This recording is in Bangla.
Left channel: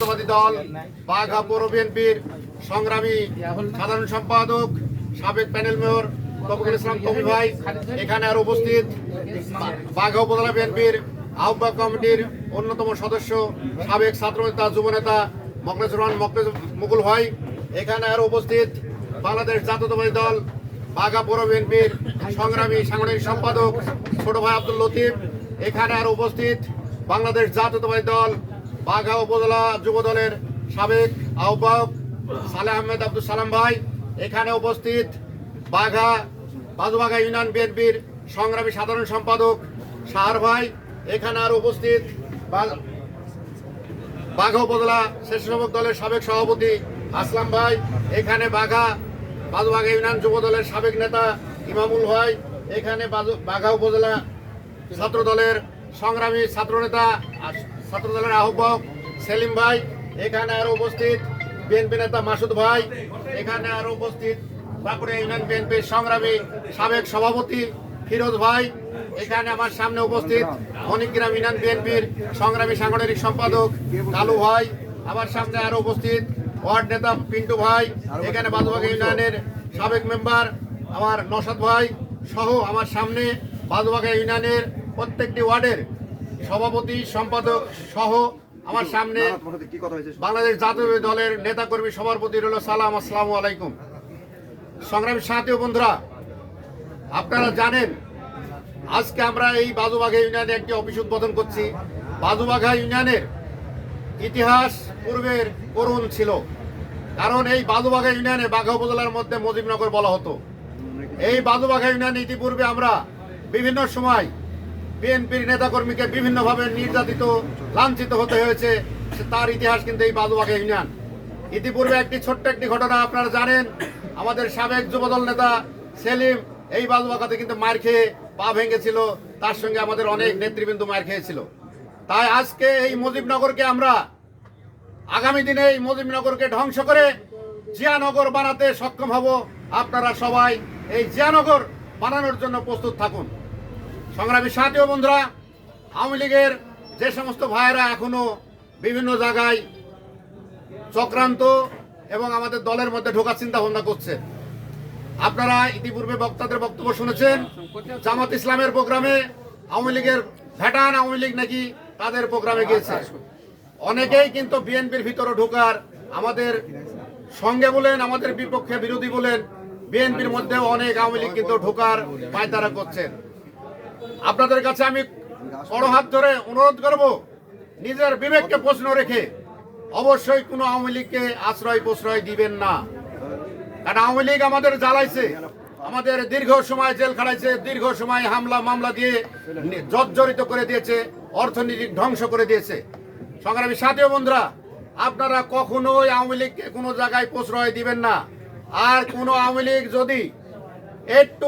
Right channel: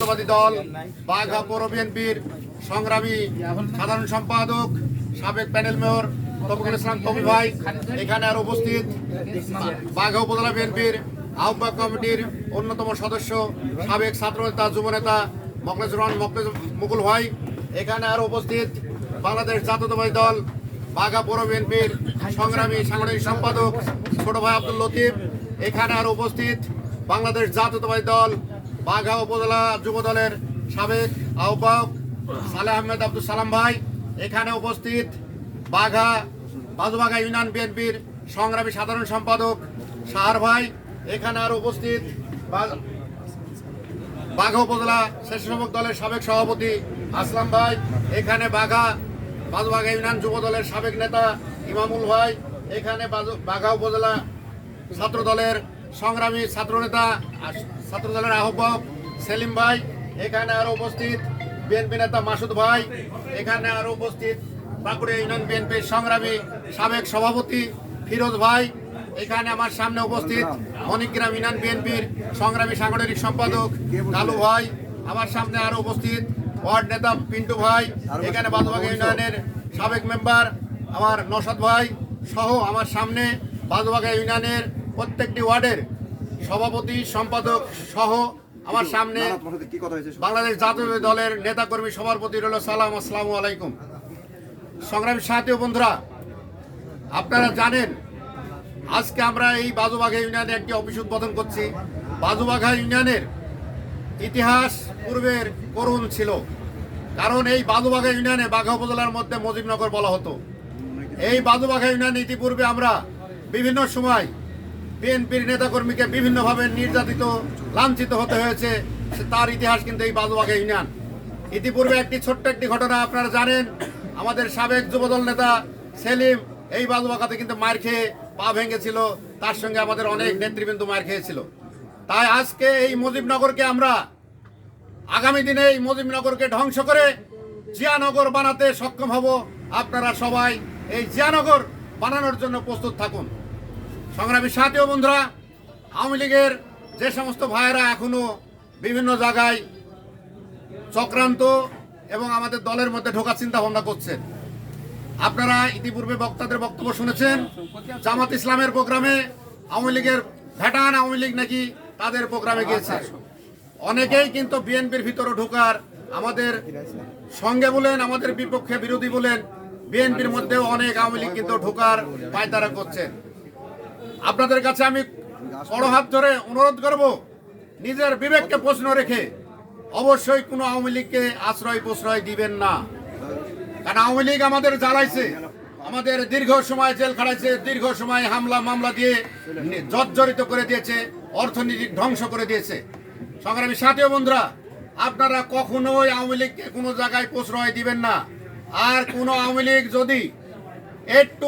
দল বাঘা পৌর বিএনপির সংগ্রামী সাধারণ সম্পাদক সাবেক প্যানেল মেয়র তফিকুল ইসলাম তফি ভাই এখানে আর উপস্থিত বাঘা উপজেলা বিএনপির আহ্বায়ক কমিটির অন্যতম সদস্য সাবেক ছাত্রনেতা যুবনেতা মুকুল ভাই এখানে আর উপস্থিত বাংলাদেশ জাতীয়তাবাদী দল বাঘা পৌর বিএনপির সংগ্রামী সাংগঠনিক সম্পাদক ছোট ভাই আব্দুল লতিফ এখানে আর উপস্থিত বাংলাদেশ জাতীয়তাবাদী দল বাঘা উপজেলা যুব দলের সাবেক আহ্বায়ক সালেহ আহমেদ আব্দুল সালাম ভাই এখানে উপস্থিত বাজুবাঘা ইউনিয়ন বিএনপির সংগ্রামী সাধারণ সম্পাদক সাহার ভাই এখানে আর উপস্থিত বাঘা উপজেলা স্বেচ্ছাসেবক দলের সাবেক সভাপতি আসলাম ভাই এখানে বাজুবাঘা ইউনিয়ন যুব দলের সাবেক নেতা ইমামুল ভাই এখানে বাঘা উপজেলা ছাত্র দলের সংগ্রামী ছাত্রনেতা ছাত্র দলের আহ্বায়ক সেলিম ভাই এখানে আরো উপস্থিত বিএনপি নেতা মাসুদ ভাই এখানে আরো উপস্থিত বাঁকুড়া ইউনিয়ন বিএনপির সংগ্রামী সাবেক সভাপতি ফিরোজ ভাই এখানে আমার সামনে উপস্থিত মণিগ্রাম ইউনিয়ন বিএনপির সংগ্রামী সাংগঠনিক সম্পাদক কালু ভাই আমার সামনে আরো উপস্থিত ওয়ার্ড নেতা পিন্টু ভাই এখানে বাজুবাঘা ইউনিয়নের সাবেক মেম্বার আমার নসাদ ভাই সহ আমার সামনে বাজুবাঘা ইউনিয়নের প্রত্যেকটি ওয়ার্ডের সভাপতি সম্পাদক সহ আমার সামনে বাংলাদেশ জাতীয় দলের নেতাকর্মী সবার প্রতি রইল সালাম, আসসালামু আলাইকুম। সংগ্রামী সাথী ও বন্ধুরা, আপনারা জানেন আজকে আমরা এই বাজুবাঘা ইউনিয়নে একটি অফিস উদ্বোধন করছি। বাজুবাঘা ইউনিয়নের ইতিহাস পূর্বের করুণ ছিল, কারণ এই বাজুবাঘা ইউনিয়নে বাঘা উপজেলার মধ্যে মজিবনগর বলা হতো। এই বাজুবাঘা ইউনিয়নে ইতিপূর্বে আমরা বিভিন্ন সময় বিএনপির নেতাকর্মীকে বিভিন্নভাবে নির্যাতিত লাঞ্ছিত হতে হয়েছে, তার ইতিহাস কিন্তু এই বাজুবাঘা ইউনিয়ন। ইতিপূর্বে ছোট্ট একটি ঘটনা আপনারা জানেন, আমাদের সাবেক যুবদল নেতা সেলিম এই বাজুবাঘাতে কিন্তু মার খেয়ে পা ভেঙেছিল, তার সঙ্গে আমাদের অনেক নেতৃবৃন্দ মার খেয়েছিল। তাই আজকে এই মুজিবনগরকে আমরা আগামী দিনে এই মুজিবনগরকে ধ্বংস করে জিয়ানগর বানাতে সক্ষম হব। আপনারা সবাই এই জিয়ানগর বানানোর জন্য প্রস্তুত থাকুন। সংগ্রামী সাথী ও বন্ধুরা, আওয়ামী লীগের যে সমস্ত ভাইয়েরা এখনো বিভিন্ন জায়গায় চক্রান্ত এবং আমাদের দলের মধ্যে ঢোকার চিন্তা ভাবনা করছে, আপনারা ইতিপূর্বে বক্তাদের বক্তব্য শুনেছেন। জামাত ইসলামের প্রোগ্রামে আওয়ামী লীগের ভেটান আওয়ামী লীগ নাকি তাদের প্রোগ্রামে গিয়েছে। অনেকেই কিন্তু বিএনপির ভিতরে ঢোকার, আমাদের সঙ্গে বলেন আমাদের বিপক্ষে বিরোধী বলেন, বিএনপির মধ্যেও অনেক আওয়ামী লীগ কিন্তু ঢোকার পায়তারা করছেন। আপনাদের কাছে আমি বড় হাত ধরে অনুরোধ করব, নিজের বিবেককে প্রশ্ন রেখে অবশ্যই কোনো আওয়ামী লীগকে আশ্রয় প্রশ্রয় দিবেন না। কারণ আওয়ামী লীগ আমাদের জ্বালাইছে, আমাদের দীর্ঘ সময় জেল খাটাইছে, দীর্ঘ সময় হামলা মামলা দিয়ে জর্জরিত করে দিয়েছে, অর্থনীতি ধ্বংস করে দিয়েছে। সংগ্রামী সাথী ও বন্ধুরা, আপনারা কখনোই আওয়ামী লীগকে কোনো জায়গায় প্রশ্রয় দিবেন না। আর কোনো আওয়ামী লীগ যদি একটু